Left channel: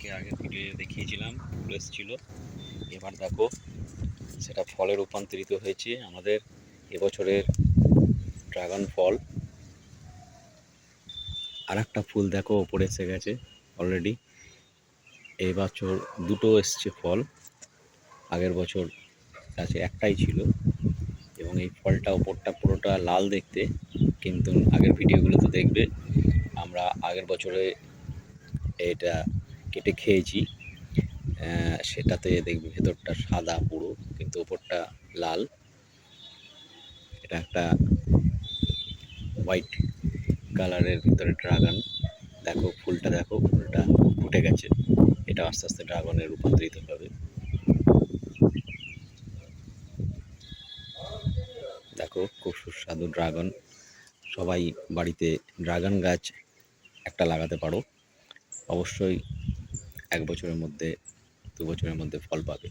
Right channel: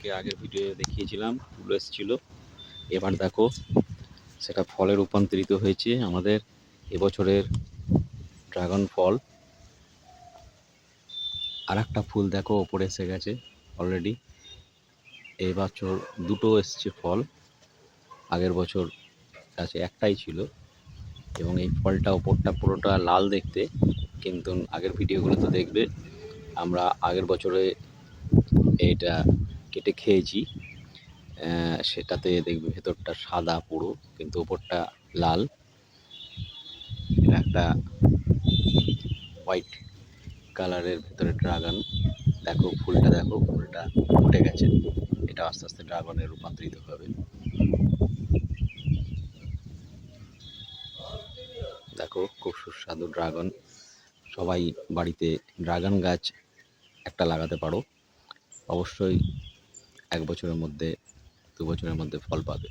তোমাদেরকে আগে ভিডিও দেখিয়েছিলাম, ফুল এসেছিল। এবার দেখো সেটা ফলে রূপান্তরিত হয়েছে আমাদের এবছরের ড্রাগন ফল। আর একটা ফুল দেখো ওপরে এসে গেছে অলরেডি। এই বছর দুটো এসছে ফল, আগের বছর গাছে একটাই ছিল। এবং এই ফলটা ওপরটা পুরোটা লাল দেখতে, কিন্তু আগের ভিডিওগুলোতে দেখবে আমরা আগের বছরে এটা কেটে খেয়েছি। সেটাতে দেখবে ভেতরটা সাদা পুরো, কিন্তু ওপরটা লাল। এটা একটা হোয়াইট কালারের ভিতরে ড্রাগন। দেখো ফুলটা, দেখো ফুলটা ফুটে গেছে। এটা আস্তে আস্তে ড্রাগনে রূপান্তরিত হবে। দেখো খুব সুস্বাদু ড্রাগন। সবাই বাড়িতে ড্রাগন গাছ একটা লাগাতে পারো, অবশ্যই 1 বছরের মধ্যে 2 বছরের মধ্যে ফল পাবে।